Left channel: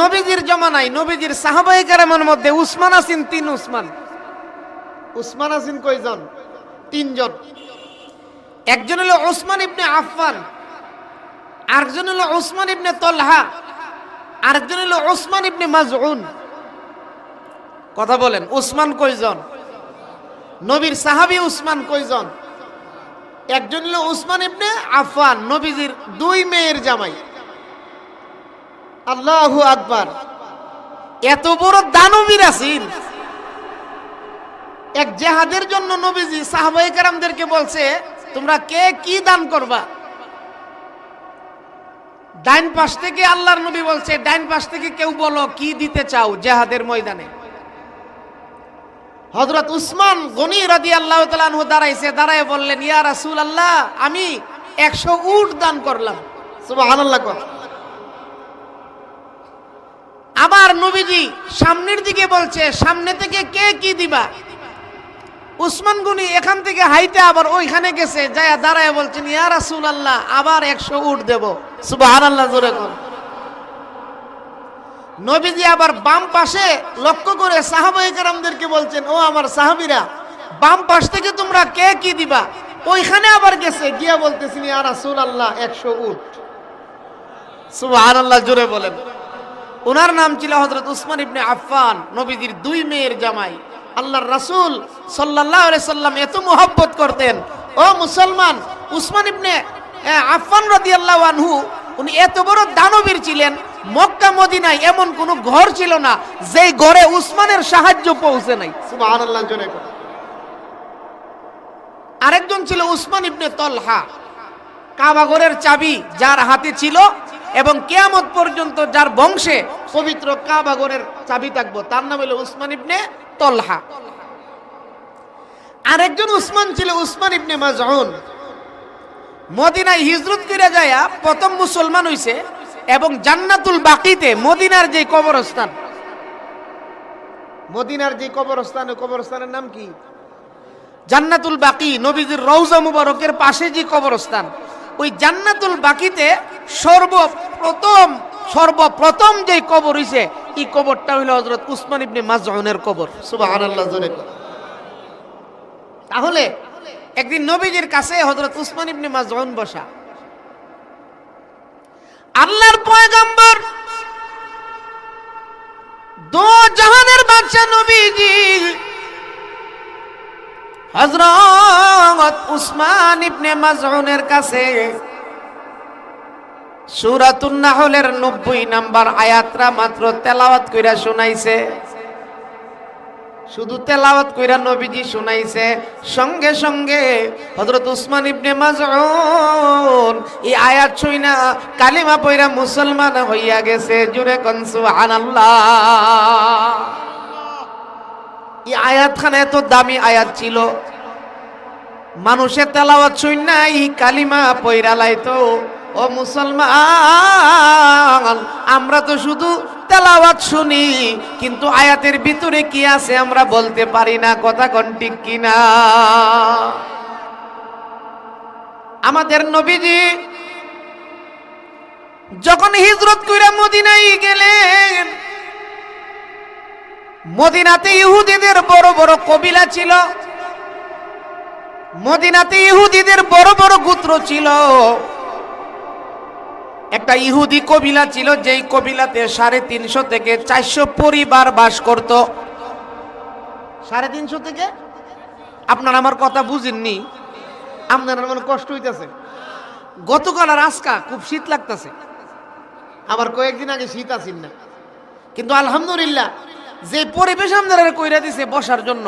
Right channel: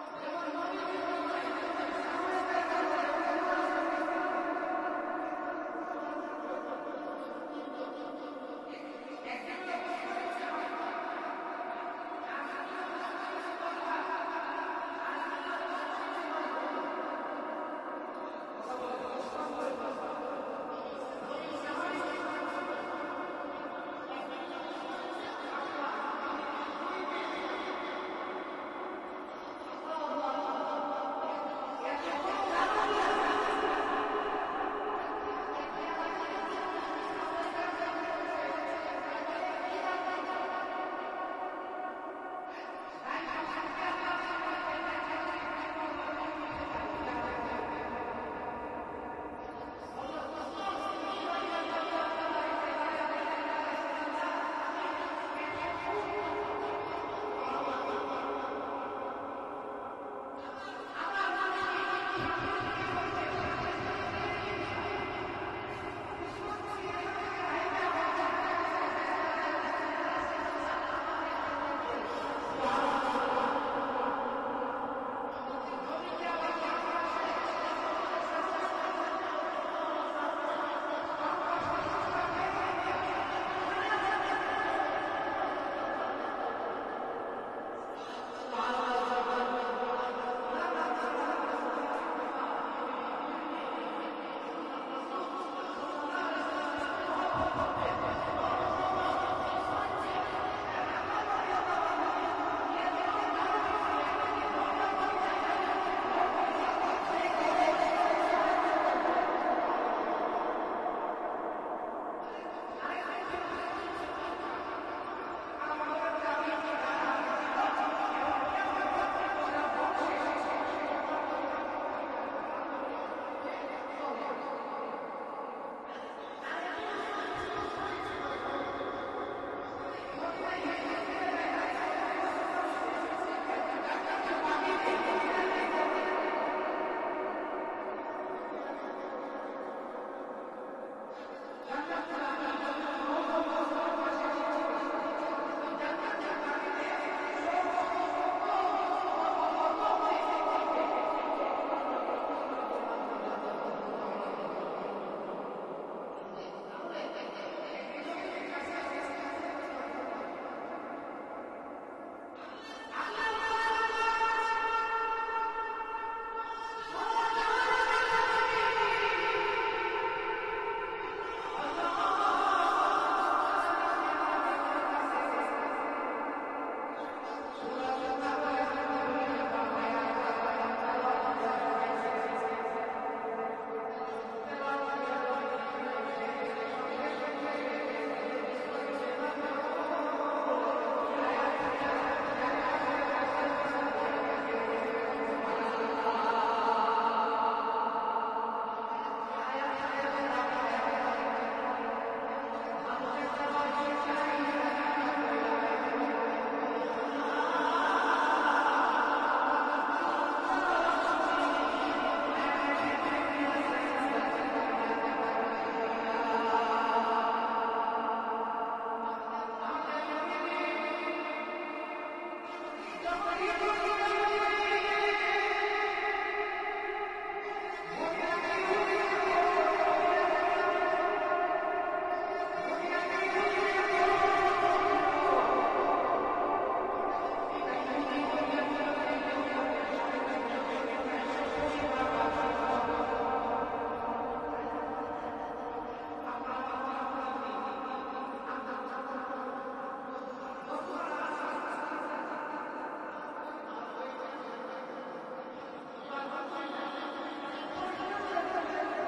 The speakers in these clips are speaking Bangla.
নবীজির জমানায় নবীজির সাহাবাই কারামের মধ্যে উসমান আসিন তিন উসমান। উসমান আসিন কয়জন তিনজন। একজন হলো ওসমান ইবনে আফফান আরেকজন হলো ওসমান ইবনে তলহা আরেকজন হলো ওসমান ইবনে মাজউন। কথা বলেন উসমান কয়জন নবীর সাহাবি উসমান কয়জন একজন হলো উসমান ইবনে আফফান নবীজির দুই মেয়ের জামাই। আল্লাহু আকবার। এত বড় দানবীর আছেন এক জেহাদের জন্য নবীজি সাহাবাই কারামদেরকে বলছে তোমরা কে কি দান করবা? ডাইন পাশ থেকে আল্লাহর নবী বলছে ডাইন পাশ থেকে কেউ বলো কি দিতে চাও জেহাদের ময়দানে? হযরত উসমান গনি রাদি আল্লাহ তালানহু দাঁড়াইছে দাঁড়ায় বললেন ইয়া রাসূল আল্লাহ আমি একশো উট দান করলাম। সুবহানাল্লাহ কর আবার নবীজি সামনের দিকে বলছে, সামনে থেকে কে কি দিবা? উসমান গনি এখান থেকে হাইতে আবার ওইখানে গেছে, যায় দাঁড়ায় বলছেন, ইয়া রাসূল আল্লাহ আবার একশো উট দেব। সুবহানাল্লাহ, জোরে কোন। নবীজি আবার বাম পাশে লক্ষ্য করে সাহাবাই কারামদেরকে বলছেন, ও আমার সাহাবীরা, বাম পাশ থেকে তোমরা কে কি দিবা? ওইখানে আবার গেছে, গিয়া বলতেছেন, ইয়া রাসূল আল্লাহ একশো উট। সুবহানাল্লাহ, জোরে বলেন। ওনার নাম ছিল হজরত উসমান ইবনে আফফান নবীজির দুই মেয়ের জামাই। আল্লাহর রাসূল সাল্লাল্লাহু আলাইহি সাল্লাম এত মোহাব্বত করতেন। ও মুসলমান উসমান ইবনে আফফান রাদিয়াল্লাহু আনহু উনি এত বড় দানবীর ছিলেন মক্কা মদিনায় এমন কোন ঘর ছিল না যেই ঘরে উসমানের সাহায্য পৌঁছে নাই। আরেকজন ছিল উসমান ইবনে তলহা। কাবাগরের চাবি যার হাতে ছিল এবং কেয়ামত পর্যন্ত যার বংশে পবিত্র কাবাগরের চাবি থাকব, তার নাম হলো উসমান ইবনে তলহা। আরেকজন উসমান ছিল উসমান ইবনে মাজউন। মদিনায় হিজরত করে যায় প্রথম মুসলমান হইছে এবং জান্নাতুল বাকিতে মদিনার যে কবরস্থান, মদিনার যে কবরস্থান কবরস্থানের নাম কি? জান্নাতুল বাকি, নবীজির রৌজা মুবারকের পাশে যে কবরস্থান ওই জান্নাতুল বাকিতে সর্বপ্রথম সর্বপ্রথম যে কবর হইছে, এই কবরটা হইল হযরত উসমান ইবনে মাজউনের কবর কর। তাহলে একদিন নবীজির কাছে হযরত উসমান ইবনে মাজউন বসা আল্লাহর পয়গম্বর, দো জাহানের বাদশা নবীজি হযরত উসমান ইবনে মাজউনের কাছে সূরাতুন নাহলের 90 নাম্বার আয়াতরা মাত্র তেলাওয়াত কইরা শুনাইছে। শুধু তেলাওয়াত কইরা নবীজি শুনাইছে, সঙ্গে সঙ্গে হযরত উসমান ইবনে মাজউন এই আয়াত শুইনা কালিমা পয়রা মুসলমান হইয়া গেছে। জুরে কোন সুবহানাল্লাহ। এই আয়াতখানা এত দামি আয়াত ছিল। মানুষের তেলাওয়াত শুন নাই, কালিমা পয়রা লাইতো ও মুসলমান, আমরা তো শুধু তেলাওয়াত শুনি, কিন্তু আয়াতের ভিতরে কি আছে আমরা বলতে পারি না, কথা কোন ঠিক কিনা? আমাদের নবীজি যখন হিজরত করে মদিনায় গেলেন মদিনাতে ইহুদিদের বড় বড় কবিলা ছিল। মদিনাতে ইহুদিদের বড় বড় গোত্র ছিল। একটা ইহুদি কবিলা ছিল, যেই কবিলাতে সাড়ে তিনশো থেকে চারশো পরিবার বাস করত। সাড়ে তিনশো থেকে? আপনার আমার কথা বুঝেননি। আপনার আমার কষ্ট হইতেছে। গতকাল আর আজকা খুব শীত লাগতেছে। আবার কয়েকদিন আগে শীত আসিন না। কিন্তু আলহামদুলিল্লাহ যে পরিবেশ আপনারা কইরা দিছে বসার জন্য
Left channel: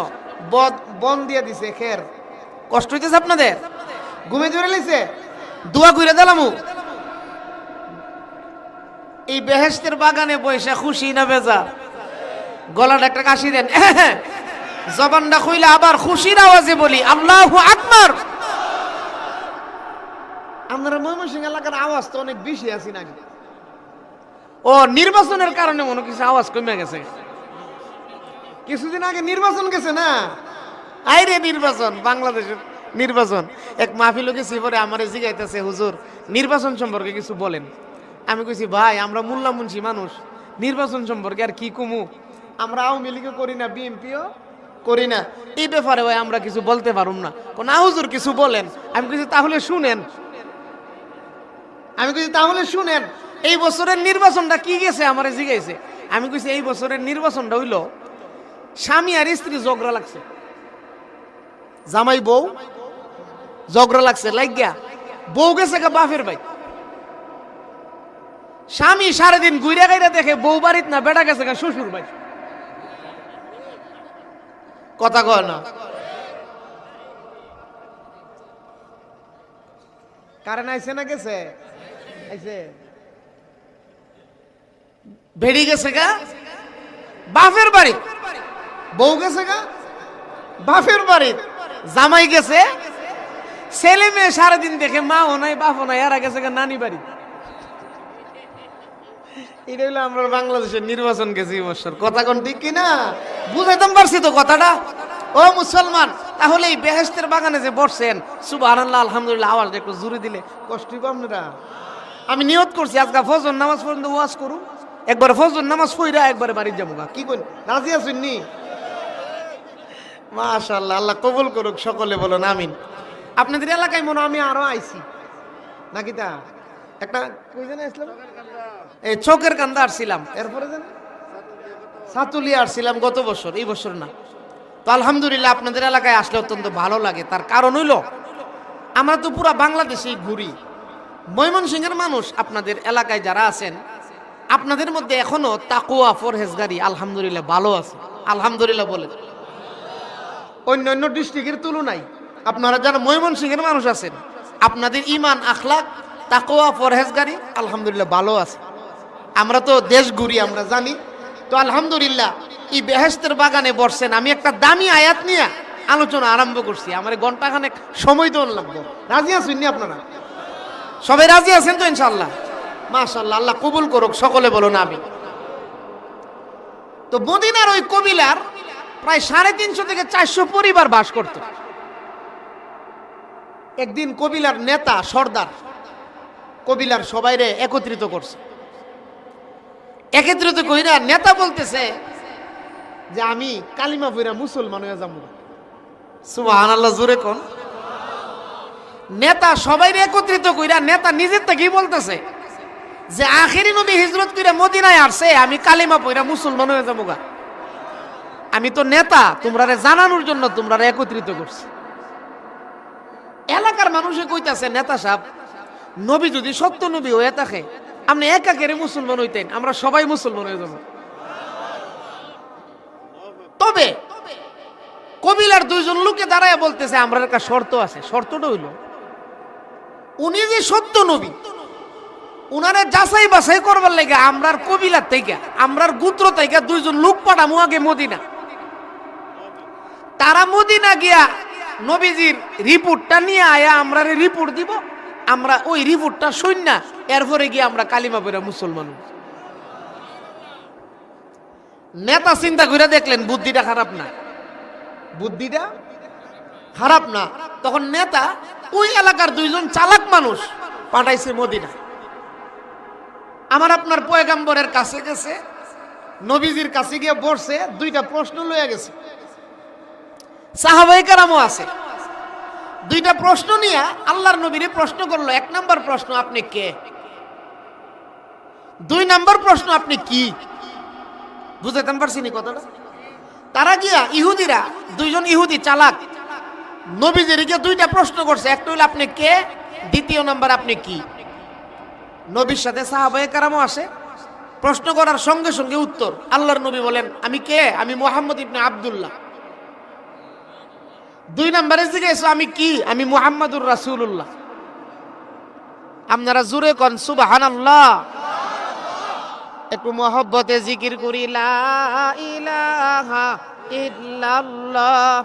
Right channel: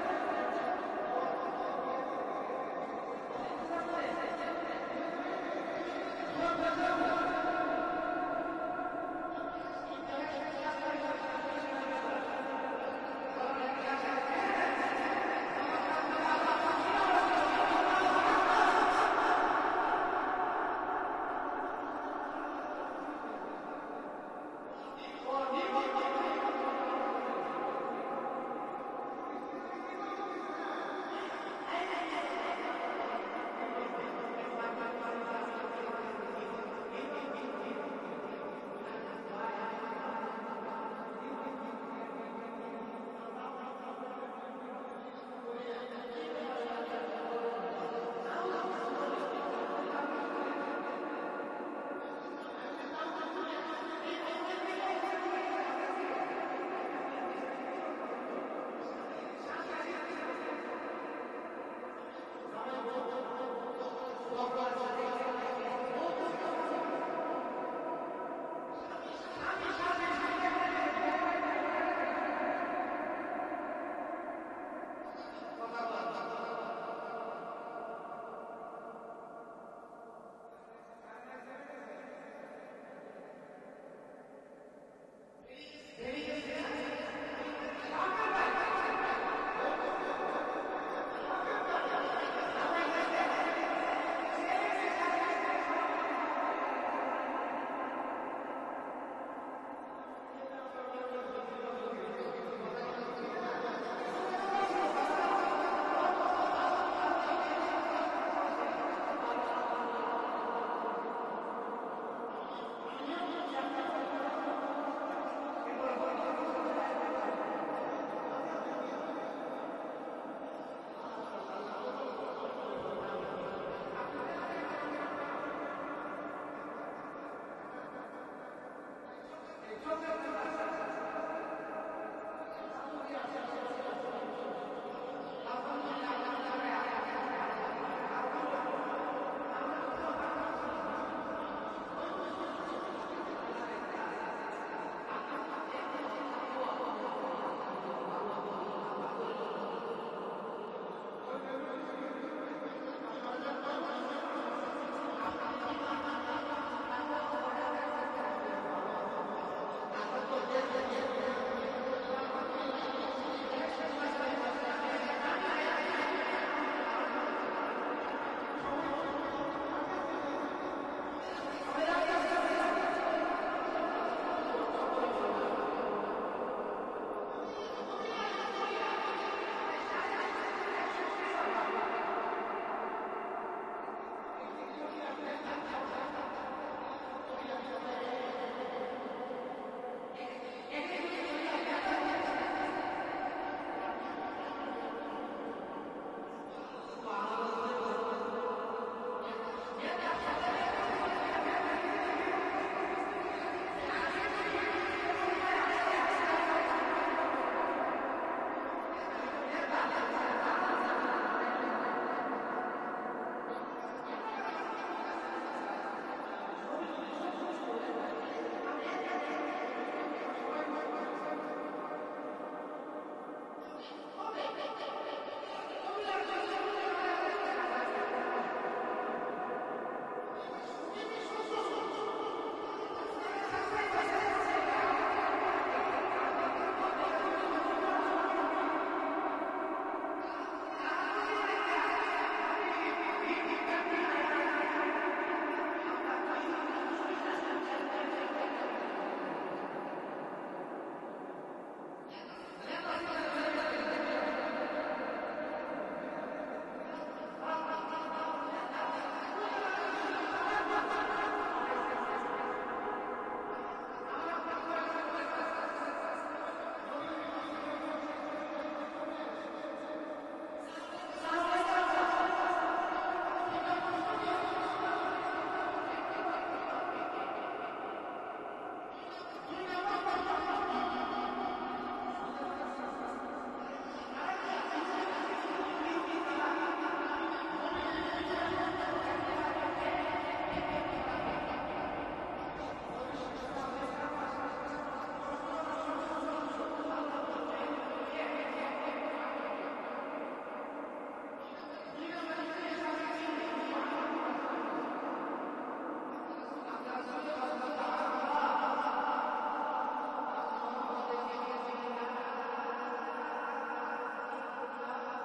বন দিয়ে দিছে, খের। কষ্ট হইতেছে আপনাদের? ঘুমে জোরে লিছে? দোয়া কইরা দিলামু। এই বেহেস্তের বাগানে বৈশা খুশি না বেজা গলাটা একটা কাশি দেন। জবানটা খুইলে আবার খুশির আওয়াজে বলি, আল্লাহু আকবার! আপনারা ময়মনসিংহ এলাকার আওয়াজ তো অনেক বেশি আছি নাকি? ও, নির্বাচনের কারণে মনে কিছু আওয়াজ কমে গেছে। কিছুদিন আগে নির্বাচন গেছে না? আইরে নির্বাচন, বাংলাদেশের নির্বাচন। এক মাহফিল গেছি পরে আমার জিগাইতেছে, হুজুর, নির্বাচন সম্পর্কে কিছু বলেন। আমি কইছি, ভাই, আমরা মোল্লা মুন্সি মানুষ, নির্বাচন সম্পর্কে আর কি কুমু? আমরা আওয়ামী লীগও করি না, বিএনপিও করি না। এই ব্যাপারে ভাই, আমরা কিছু বলতে পারুম না। কোন হুজুর, কিছু বলেন। আমি কিছু তাহলে শুনেন। আমি কিছু তাহলে শুনেন। এই বছরের নির্বাচনটা কি গেছে, আমার জিজ্ঞাসে আমি কইছি, এই বছরের নির্বাচনটা হইল স্বামী আর স্ত্রী ঝগড়া লাগছে। জামাই বউ ঝগড়া লাগছে, লাগিয়া বউ গেছে গা বাপের ভাই স্বামী সারাদিন ঘুরে গাইরা দেখে বউ বাড়িত না বেটা গেছে গা শ্বশুর ভাই কথা কয় না। কারেন্ট আইছে না গেছে? আইছে। বেড়ি গেছে গা বাপের বাড়ি। বউ গেছে গা? বাপের বাড়ি। জামাই গেছে। ছেলে মেয়ে সারাদিন দেখে মা ও নাই, বাপও নাই, এরা গেছে গা নানি বাড়ি। এটা হলো আমরা বাংলাদেশের নির্বাচন গেছি এই বছর। কথা কোন ঠিক কিনা? বুঝাইতাম পারছি তো কথাটা। ও মুসলমান, তাহলে এই বেহেস্তের বাগানে যে বসছেন সুবাহ আলহামদুলিল্লাহ আওয়াজ একটু জুড়ে দিলে কষ্ট না আমি নিয়ত করছি, আজকে ফজর নামাজ পর্যন্ত ওয়াজ করুন। একবার ফজর নামাজ পড়া, একবারে বাড়ি যাব। কি করেন রাজি আছেন নি? মাশাল্লাহ আল্লাহ কবুল করুক, সকলে বলুন আমিন। আপনাদের এলাকায় মনে আমি আরও আইছি। নাকি তা? একটা এই চোখের কান্দা আসছিলাম এরপরে জানে সাতুলিয়া আসছিলাম গত বছর, এই বছর না। তো আলহামদুলিল্লাহ আপনাদের এলাকায় আসলে অত্যন্ত ভালো লাগে। তার কারণ হইল, আমরা তো পুরো বাংলাদেশেই ঘুরি। ময়মনসিংহের মানুষ আপনাদের এলাকায় যারা আছেন, আপনাদের মধ্যে এখনও তাকুয়া ফরহেজগারি আলহামদুলিল্লাহ ভালো আছে। আলহামদুলিল্লাহ বলেন অন্য অন্য ডিস্ট্রিক্টের তুলনায় আপনারা যারা ময়মনসিংহের মানুষ আছেন, আপনাদের ইমান আখলাক তাকোয়া পরহেজগারি, আলহামদুলিল্লাহ ভালো আছে। আমরা তো দেশ ঘুরি, আমরা জানি। তো আলহামদুলিল্লাহ, এই বেহেস্তের বাগানে বসছেন। আমি একটা দামি আয়াত নিয়ে আলোচনা আরম্ভ করছি। আমার ঘন্টাখানেক সময় তো লাগবো। রাজি আছেন আপনারা? সবাই রাজি আছেন তো ইনশাল্লাহ মাশাল্লাহ আল্লাহ কবুল করুক, সকলে বলুন আমি তো মদিনার ওই কবিলার প্রায় সাড়ে তিনশো থেকে চারশো পরিবার বাস করত। একদিন কবিলার নেতা সর্দার, কবিলার সবাইরে একত্রিত করছে। একত্রিত কইরা নেতা বলতেছে যে, আমি কালিমা ফিরা মুসলমান হয়ে যাব সুবাহান আল্লাহ জোরে কোন। নেতা সবাই একত্রিত কইরা, নেতা নিজের থেকেই বলতেছে? যে, আখেরি নবী হিজরত কইরা মদিনায় আসছে, আমি কালিমা পইরা মুসলমান হয়ে যাব গা। আমি তো নেতা তোমরা জানানোর জন্য তোমরা একত্রিত করছি। এলাকার মানুষে কইতাছে, নেতা সাহেব, নবী যদি সত্য নবী হয়ে থাকে, আপনি একা কেড়ে মুসলমান হইতেন, আমরা সবাই মুসলমান হয়ে যাব। তবে কবিলার দুইজন লোকে দাঁড়ায় বলতেছে আমরা একটা শর্ত আছে। শর্তটা হইল, উনি যে সত্য নবী, উনারে যাচাই বাছাই করবার লাগে আমরার কবিলার থেকে, আমরার গুত্র থেকে দুইজন লোক পাঠামু আগে মদিনা। তারা মদিনা গিয়া নবীজির রিপোর্টটা নিয়ে আয়া আমরা রিপোর্ট দিব, আমরা ওই রিপোর্টটা শুন না, এরপরে গিয়ে আমরা কালিমা পড়া মুসলমান নেতা চিন্তা করে দেখলেন, বুদ্ধিটা খারাপ না। বুদ্ধিটা খারাপ না। তখন নেতা ওই এলাকার দুইজন চালাক মানুষ পাঠাইছে মদিনা। আমার আপনার পয়গাম্বরের কাছে গেছে, নবীজির কাছে গিয়ে বসছে, দুইটা প্রশ্ন লয়ে গেছে। সাহাবাই কারামও আছে। দুইটা প্রশ্ন নিয়ে আল্লাহর নবীরে প্রশ্ন করল, এক নম্বর প্রশ্ন আপনি কে? দুই নম্বর প্রশ্ন আপনি কি? বুঝাইতাম পারছি নি কথাটা? তারা গিয়া ইহুদিরা, দুইজন ইহুদি চালাক নবীজির গিয়ে দুইটা প্রশ্ন করছে, একটা হলো আপনি কে, দ্বিতীয় নাম্বার আপনি কি? নবীর সাথে সাহাবায়ে কারামও আসে প্রশ্ন করার সঙ্গে সঙ্গে উত্তর, আল্লাহর নবী বলেন, আমি কে? আমি মোহাম্মদ ইবনে আব্দুল্লাহ। দুই নম্বরে জিজ্ঞেস আমি কি? আমি মুহাম্মাদুর রাসুল্লাহ আপনারা জুড়ে কন সুবাহান একটু মহব্বতে জিকির করি, লা ইলাহা ইল্লাল্লাহ।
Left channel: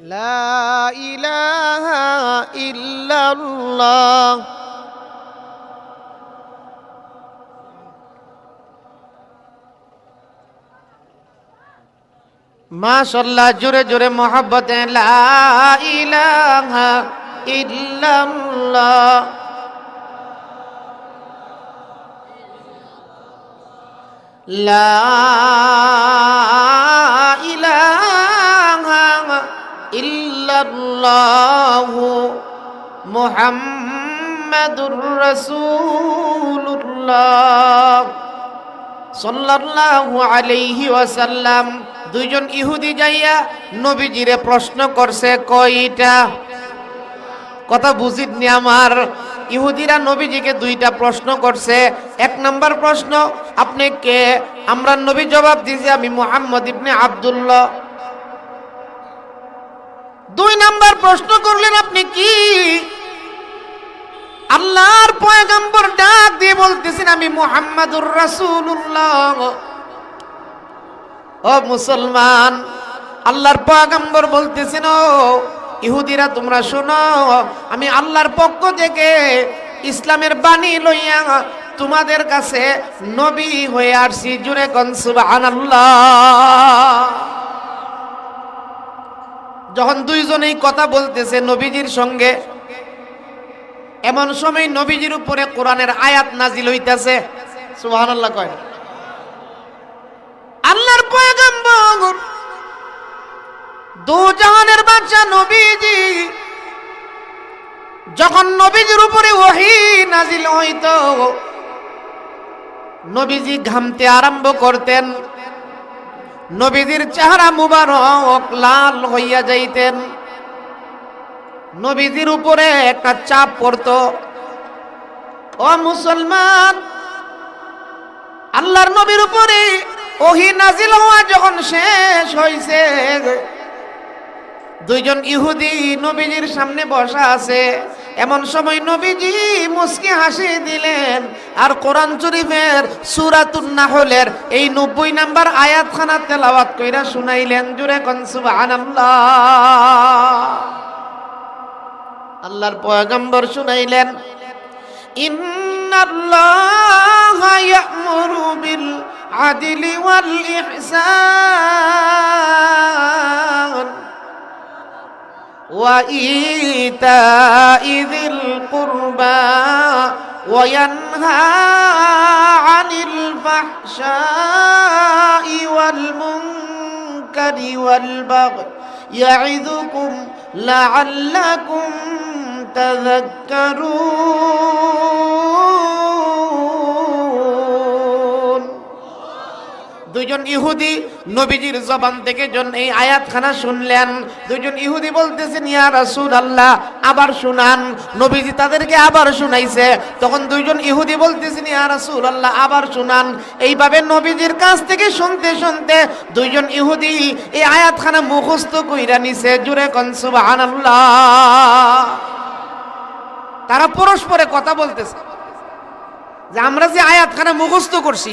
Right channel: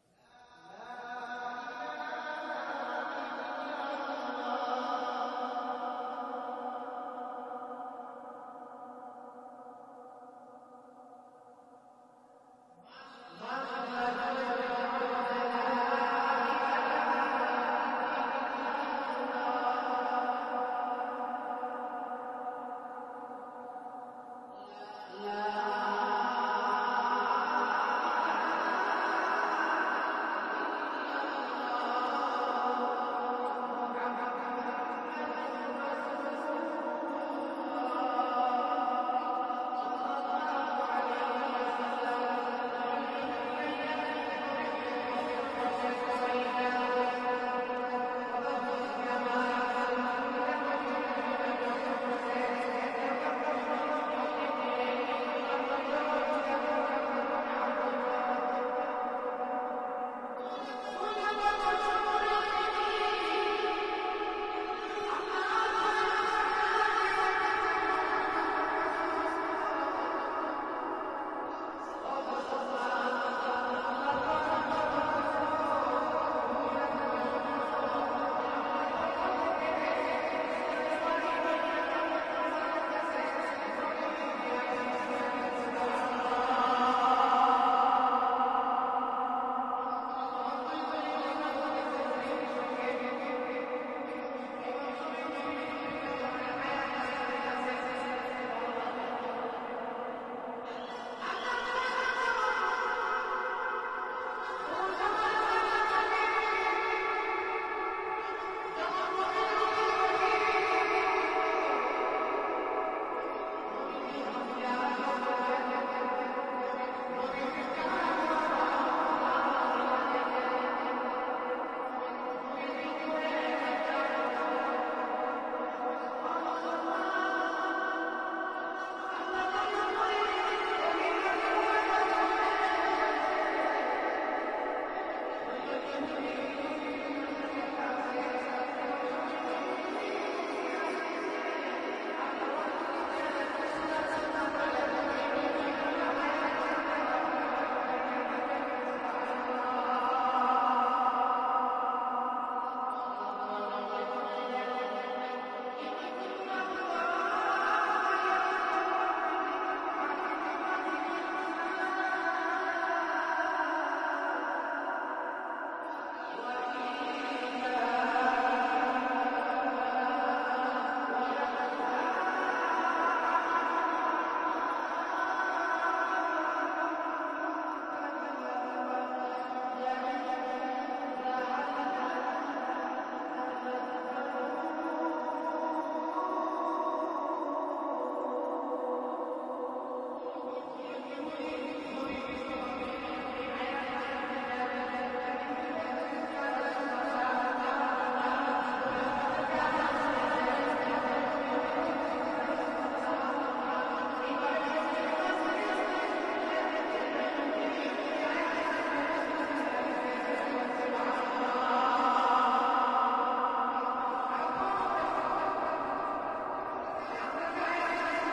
لا إله إلا الله মাশাল্লাহ জোরে জোরে মোহাব্বতে লা ইলাহা ইল্লাল্লাহ লা মুহাম্মাদুর দুইজন ইহুদি যাইয়া নবীজিরে প্রশ্ন করছে, কয়টা? কথা বুঝিতনি আমার। ইহুদিরা নবীজিকে দুইটা প্রশ্ন করছে। এক নাম্বার প্রশ্ন, আপনি কে? আমরা নবী জবাব দিয়েছি আমি মুহাম্মদ ইবনে আব্দুল্লাহ। দুই নাম্বার প্রশ্ন করলেন, আপনি কি? আল্লাহর পয়গাম্বর ডাক দিয়ে বলতেছেন, আমি মুহাম্মাদুর রাসূলুল্লাহ। ও মুসলমান, আল্লাহর পয়গাম্বর বলতেছেন, ও ইহুদিরা, তোমরা শোনো, আমি আল্লাহর পক্ষ থেকে ইসলামের বাণী লইয়া তোমাদের কাছে নবী হয়ে আসছি। জুড়ে কন, সুবহানাল্লাহ। যখন দুইজনেই কথা বলতেছে, নবীজির সঙ্গে এমন সময় নবীজির উপরে কোরআনের আয়াত নাজিল হইতাছে। সুবহানাল্লাহ কয় আল্লাহর পয়গম্বর দু নবীজি, যখন নবীজির উপরে ওহি নাজিল হইত, নবীজি ঘামতে আরম্ভ করতেন। নবীজির চেহারা মুবারক লাল হইয়া যাইতেন। নবীজির উপরে একটা চাপ পড়তো। ও মুসলমান, আল্লাহর নবীর উপরে ওহি নাজিল হওয়া যখন শেষ হইছে, দুইজন ইহুদি নবীজির সামনে বসা আছে। এমন সময় নবীজি মুসকি হাসি দিলেন, আর কোরআন শরীফের সূরাতুন নাহলের এই নব্বই নাম্বার আয়াতখানা তেলাওয়াত কইরা শুনাইলেন। জুরে কোন সুবহানাল্লাহ। আল্লাহর পয়গম্বর শুনাইলেন ইন্নাল্লাহা ইয়া'মুরু বিল আদলি ওয়াল ইহসান ওয়া ইতাইযিল কুরবা ওয়া ইয়ানহা আনিল ফাহশাই ওয়াল মুনকারি ওয়াল বাগয় ইয়া'িযুকুম লা'আল্লাকুম তাযাক্কারুন দুজন ইহুদি নবীজির জবান থেকে জন এই আয়াতখানা শুনলেন। দুজন ইহুদি বলতেছেন, ইয়া রাসুল আল্লাহ আবার শুনান। নবীজি তাদেরকে আবার শুনাইছে। তখন দুইজন ইহুদি বলতেছেন, ইয়া আসুর আল্লাহ আবার শুনান। এইভাবে নবীজির কাছ থেকে শুনতে শুনতে দুইজন ইহুদি এই আয়াতখানা মুখস্থ কইরা নিছে জুড়ে কনসুবাহ আল্লাহ তারা পরস্পরে কথা বলতেছে। যে আমরা যে আয়াতখানা মুখস্থ করছি,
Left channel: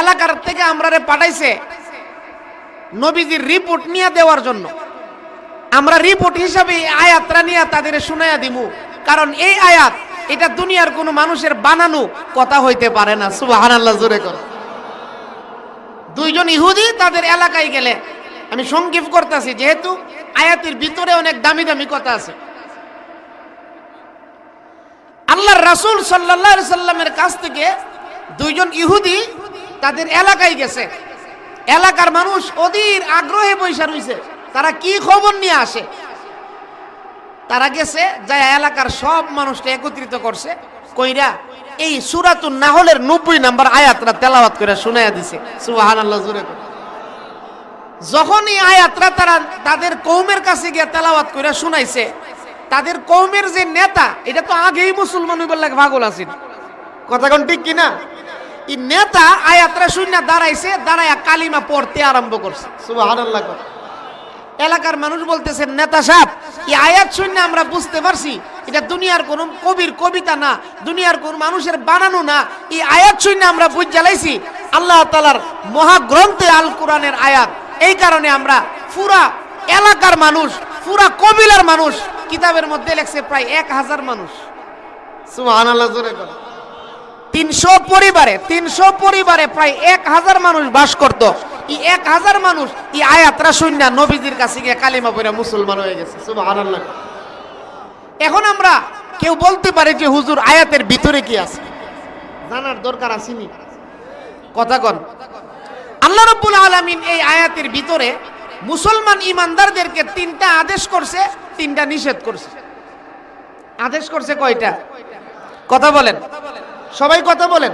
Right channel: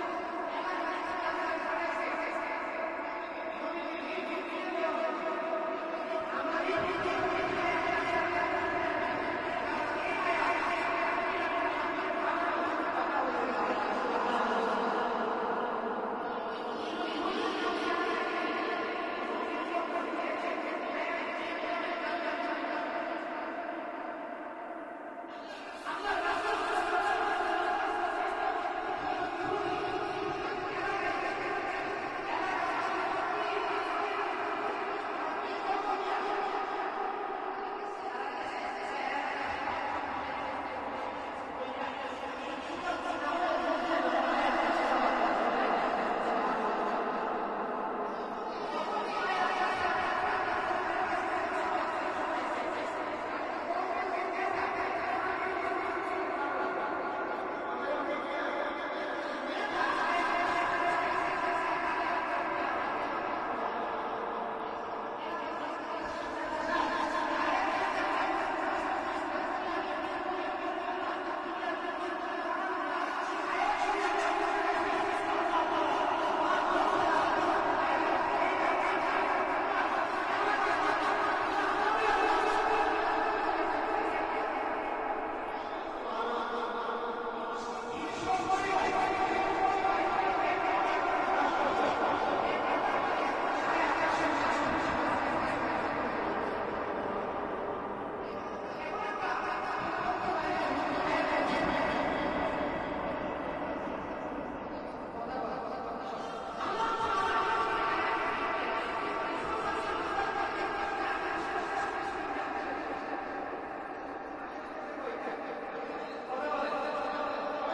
এলাকার থেকে আমরা পাঠাইছে নবীজির রিপোর্ট নিয়ে দেওয়ার জন্য। আমরা রিপোর্ট হিসাবে এই আয়াতটা নিয়ে তাদের শুনাইয়া দিব কারণ এই আয়াত, এটা দুনিয়ার কোনো মানুষের বানানো কথা হইতে পারে না। সুবাহান আল্লাহ জোরে করে। দুইজন ইহুদি তাদের এলাকায় গেলে, আমি সংক্ষেপ করতেছি, যেহেতু আয়াতের ভিতরে অনেক দামি দামি কথা আছে। আল্লাহর রাসূল আলাইহি সাল্লামের কাছ থেকে দুইজন ইহুদি তাদের এলাকায় গেছে। এলাকার মানুষ অধীর আগ্রহে বৈশা রইছে। তারা কি খবর নিয়ে আসে? তারা গেছে যা এলাকার সব মানুষকে একত্রিত করছে, কইরা এই সুরাতুন নাহলের নব্বই নাম্বার আয়াতরা তেলাওয়াত করে শুনাইয়া দিছে। সুবাহান আল্লাহ জুড়ে যখন এই আয়াতরা তারা তাদের কৌমের কাছে গিয়ে তেলাওয়াত করে শুনাইছে তাদের কৌমের যে নেতা, এটা তো আগেই মুসলমান লাগে, পাগল আছেন কথা কোন ঠিক কিনা? এই নেতা আয়াতরা শূন্য দাঁড়াইছে, দাঁড়াইয়া কালিমা পড়তে আরম্ভ করছে। এলাকার মানুষ বলতেছে, নেতা সাহেব, এই আয়াত শূন্য আমরা বুঝতে পারছি, এটা দুনিয়ার কোন কবির কবিতা না, দুনিয়ার কোন মানুষের বানানো না, এই আয়াত শূন্য আমরা বুঝ জ্বালাইছি, আল্লাহ তালার মহাগ্রন্থে আল কোরআনের আয়াত। এই কারণে আমরা পুরা এলাকার মানুষ, পুরা কবিলার মানুষ কিতাবের মধ্যে লেখছে প্রায় এক হাজার মানুষ। তিনশো পরিবারে তিনশো পরিবারে প্রায় এক হাজার মানুষ বাস করত। এই এক হাজার মানুষ এই আয়াতরা শূন্য নবীজির কাছে গিয়ে কালিমা পড়ে মুসলমান হয়ে গেছে। এখন আমরা কেউ বলতে পারে যে হুজুর আয়াতের ভিতরে কি আছে। জানার দরকার আসেনি কথা কন। আল্লাহ রব্বুল আলামিন এই আয়াতের ভিতরে মুসলমান ইমানদারদেরকে তিনটা আদেশ করছে, তিনটা নিষেধ করছে। আদেশ করছে কয়টা? কথা বলেন। সবাই কথা বলেন।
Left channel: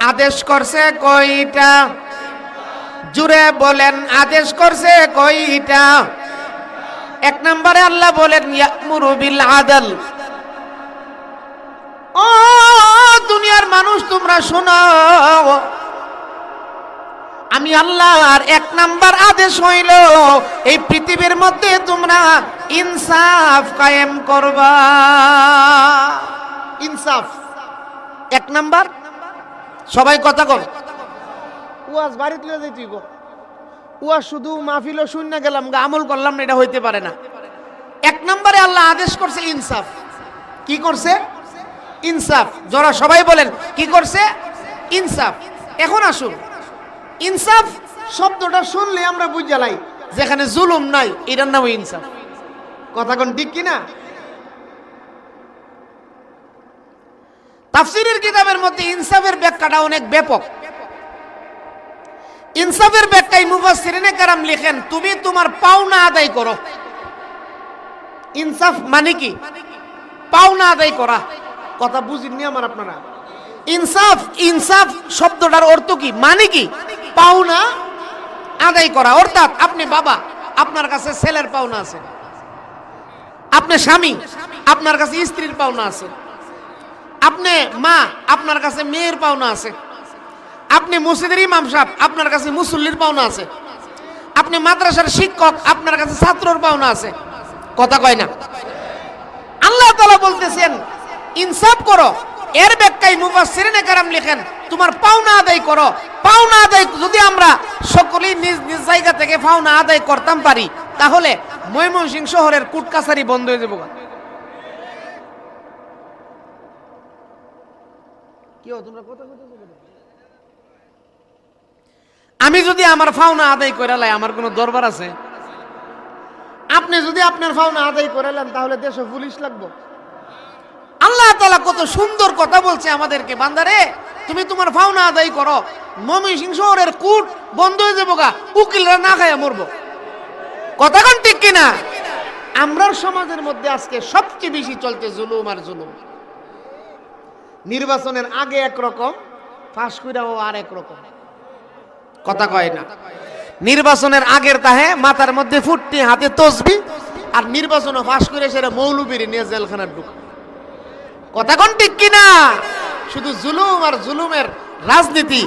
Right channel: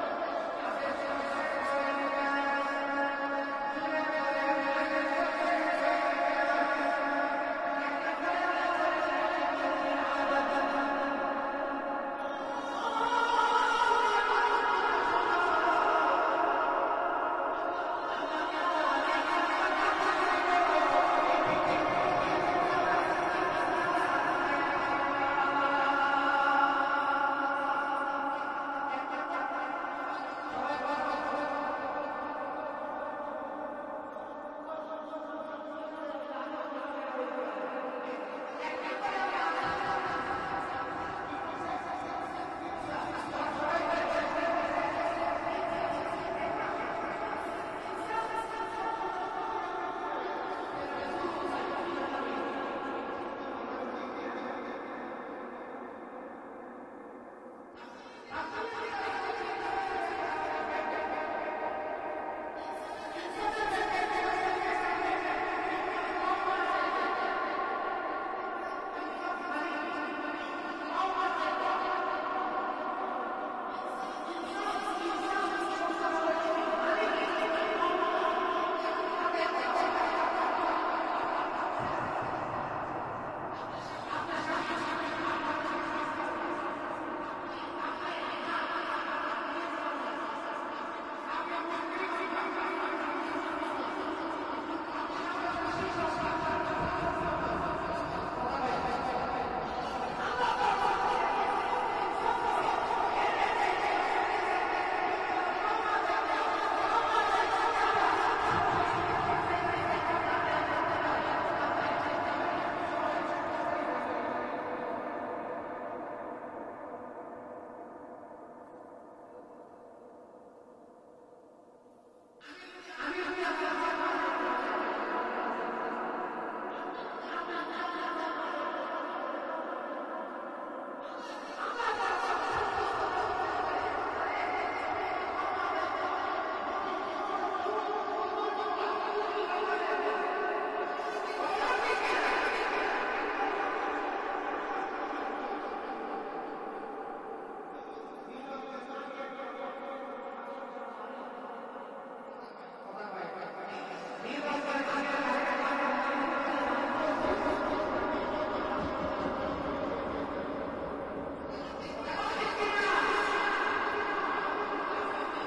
আদেশ করছে কয়টা? জুড়ে বলেন, আদেশ করছে কয়টা? এক নম্বরে আল্লাহ বলেন, ইয়ামুরু বিল আদল। ও দুনিয়ার মানুষ, তোমরা শোনো আমি আল্লাহর এক নাম্বার আদেশ হইল এই পৃথিবীর মধ্যে তোমরা ইনসাফ কায়েম করবা। ইনসাফ। এক নাম্বার? সবাই কথা কর উয়াজ বাড়িতে লয়ে যাই তুই গো উয়াজ শুধু মাহফিল শূন্য গেলাম গা আমল করলাম না এটা হইতে পারে না। এক নম্বরে আল্লাহ আদেশ করছে ইনসাফ। কি করছে? ইনসাফ। যারা সবাই বলেন কি করছে? ইনসাফ। এখন আসুন। ইনসাফ শব্দটা শুনলে আমরা বুঝালাই যেখানে জুলুম নাই, এটার নাম ইনসাফ। কথা কোন ঠিক কিনা? তাফসিরের কিতাবের মধ্যে ইনসাফের ব্যাখ্যাটা অনেক ব্যাপক। ইনসাফের ব্যাখ্যায় মুফাসসিরিনে কারাম লিখেন, তুমি তোমার পাওনা আদায় করো। ইনসাফ মানে কি? পাওনা আদায় করা। কথা বুঝিনি আমার আপনারা। ইনসাফ ইনসাফ শব্দটার অর্থ কি? মানে কি? পাওনা আদায় করা। অর্থাৎ আপনি বাবা, আপনার কাছে ছেলের পাওনা আছে। আপনি স্বামী, আপনার কাছে স্ত্রীর পাওনা আছে। আপনি মা, আপনার কাছে মেয়ের পাওনা আছে। আপনি মসজিদের ইমাম সাহেব, আপনার কাছে মুসল্লির পাওনা আছে। আপনি মাদ্রাসার শিক্ষক, আপনার কাছে ছাত্রর পাওনা আছে। কথা কয় না। আল্লাহ তালা বলতেছেন, ইনসাফ করো। এর ব্যাখ্যায় মুফাসসিরিনে কারাম লিখেন, তোমার পাওনা আদায় করো পাওনা আদায়, যদি আমরা সকলেই নিজ নিজ জায়গা থেকে পাওনা আদায় করতাম পারি, তাহলে ময়মনসিংহ শহরের কুট কাছারি বন্ধ হয়ে যাব? আমি যদি আমার ফাওনা আদায় করে লাই, আমার কোনো দরবার আছে? আপনি যদি আপনার ফাওনা আদায় করে তাহলে দেশে পুলিশ লাগবো? আল্লাহ তালা কত সুন্দর কথা বলছে আমাদেরকে, বান্দারে, তুমি তোমার ভাওনা আদায় করো। মমি সিং শহরের কুট বন্ধ হয়ে যাব গা, উকিলরা না খায় মরবো। কথা ঠিক কিনা? আমরার সমাজের মধ্যে আজকে সবচেয়ে বেশি চলছে জুলুম আর জুলুম। নির্বাচনের আগে একরকম ফাঁস কইরাও আর একরকম কথা কয় না। নির্বাচনের আগের তাহে মাথার মধ্যে ফুটনি হাতে তসবি, আর নির্বাচনে ফাঁস করে সেটা মৌলবীর নিয়ে জেলখানার ঢুক। কথা কোন ঠিক কিনা? শুধু জুলুম আর জুলুমের রাজনীতি,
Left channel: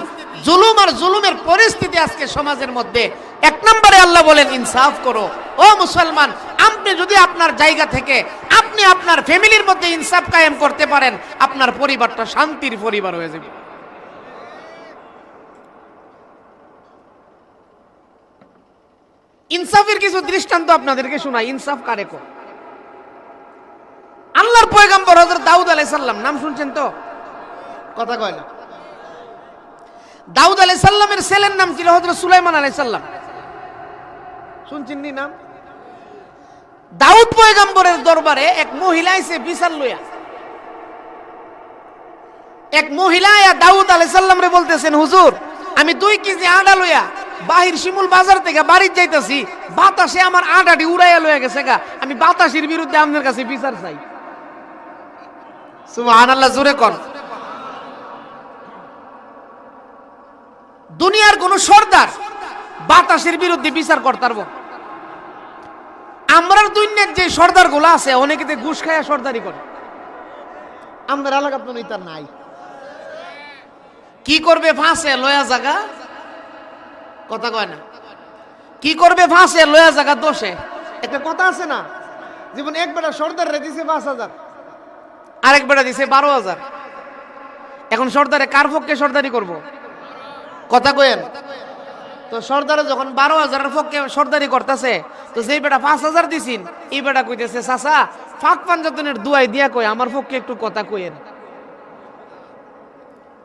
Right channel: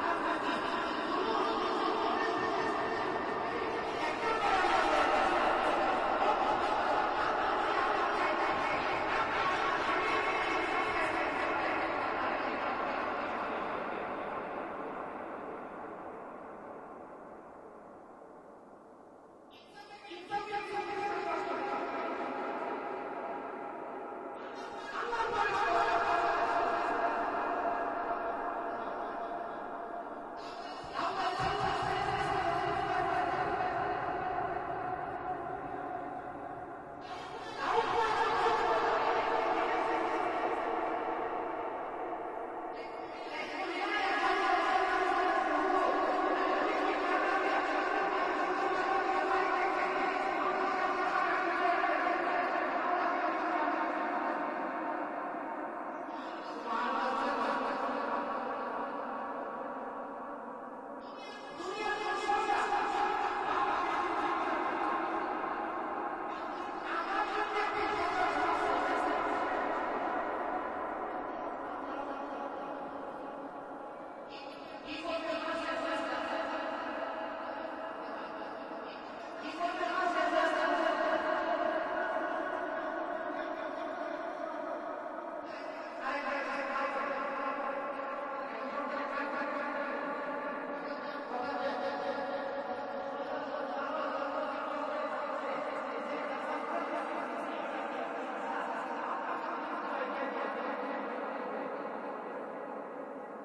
জুলুম আর জুলুমের পরিস্থিতি আজকে সমাজের মধ্যে। এক নম্বরে আল্লাহ বলেন, ইনসাফ করো। ও মুসলমান, আপনি যদি আপনার জায়গা থেকে, আপনি আপনার ফ্যামিলির মধ্যে ইনসাফ কায়েম করতে পারেন, আপনার পরিবারটা শান্তির পরিবার হয়ে যাবে। ইনসাফের কিছু দৃষ্টান্ত আপনাদেরকে শোনাই। ইনসাফ কারে কো আলাইহিস নাম শুনছেন তো? কথা কয় না। দাউদ আলাইহিস সালামের ছেলের নাম ছিল হযরত সুলাইমান আলাইহিস সালাম। শুনছেন নি নাম? দাউদ দরবারে এক মহিলা এসে বিচার লইয়া। এক মহিলা দাউদ আলাইহিস সালাম রে বলতেছেন, হুজুর, আমি দুই কেজি আটা লইয়া বাহির শিমুল বাজার থেকে বাড়ির যাইতেছি, বাতাসে আমার আটাটি উড়াইয়া লইয়া গেছে গা। আমি বাতাসের বিরুদ্ধে আপনার কাছে বিচার চাই। দুনিয়ার কোন সর্দার বাতাসের বিরুদ্ধে বিচার করতার আমরার দৈন্যের যে সর্দারগুলো আছে, অনেকে ঘুষ খায়া সর্দারি করে। আমাদের এলাকা তো তার নাই। কি করবে ফাঁসে, লয়া জাগা? কথা কয় না। কি করবে ফাঁসে, লয়া জাগা, দোষে? একটা কথা আছে না? জীবন একবেলা সর্দার রেখেছে পাঁচ হাজার। আরেক বেটা দিছে বারো হাজার। এখন সর্দারে, কার পক্ষে সর্দারি করব? কথা কয়েন তো সর্দারে যখন বারো হাজারের পক্ষে সর্দারি করতেছে, তো যেই বেটা পাঁচ হাজার দিছিন, এই বেটা কইতেছে, চাচা, ফাঁক পাঞ্জাতনের দুয়াই দিয়া কই, আমার পক্ষে একটু কথা কইেন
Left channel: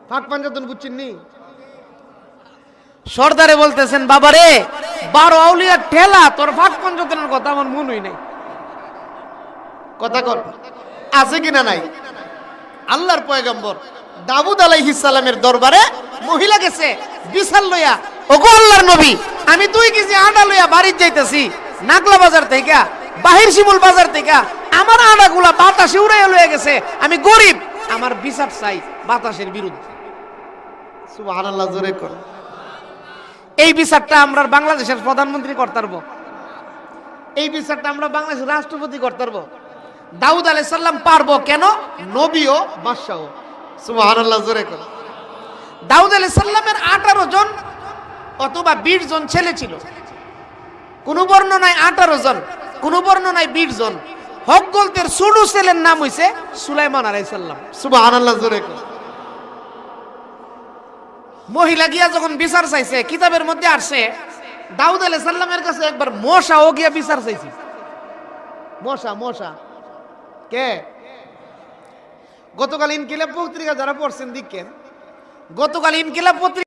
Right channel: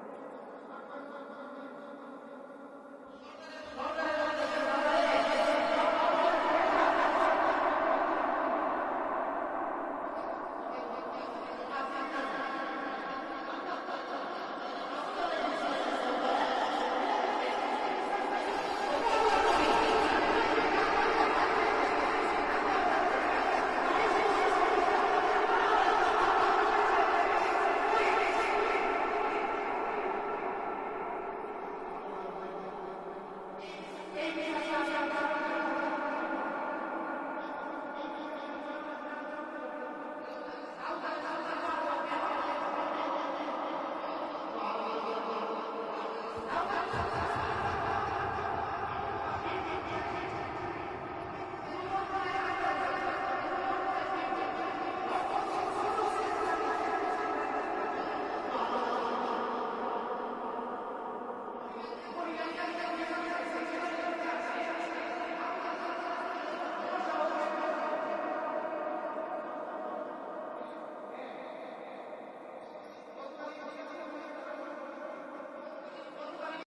ফাঁক পাঞ্জাতন বুঝছেন নি? সর্দারে বলতেছেন, বাবারে, বারো আউলিয়া ঠেলা, তোর ফাঁক পাঞ্জাতনের কথা আমার মনই নাই। কথা কর আছে কিনা নাই? আল্লাহর পয়গম্বর দাবুদ সালামের দরবারে মহিলা গেছে, বিশাল লইয়া, ওগো আল্লাহর নবী, আমি তুই কি যে আটা লইয়া বাড়ির যাইতেছি, নাগলা বাজার থেকে, বাহির শিমুল বাজার থেকে, আমার আটাগুলা বাতাসে উড়াইয়া লইয়া গেছে, আমি গরিব, আমার বিচার চাই বাতাসের বিরুদ্ধে। সুবহানাল্লাহ, জোরে কর। এই বিচারটা আমরা বাংলাদেশের প্রধানমন্ত্রী করতে পারব এই বিচারটা আমরা বাংলাদেশের রাষ্ট্রপতি করতে পারব দাউদ আলাই সাল্লাম পারব কেন? নবীও বাদশাহ সুবহানাল্লাহ জোরে কর। দাউদ আলাই সাল্লামের আঠারো জন অথবা বিশ জন ছেলে ছিল। কোন বর্ণনায় আঠারো জন কোন বর্ণনায় বিশ জন। হক গলতের ছোট ছেলের নাম হইছে সুলাইমান আলাই সাল্লাম সুবহানাল্লাহ জোরে কর। মহিলা গিয়া যখন বিচার চাইছে কিতাবের মধ্যে আসছে দাউদ আলাই সাল্লামের কাছে একবার মশা ও গিয়া বিচার চাইছে। মশা মশা। কে? গতকাল ইনকিলাব পত্রিকা যারা পড়ছেন দিকে গতকাল ইনকিলাব পত্রিকা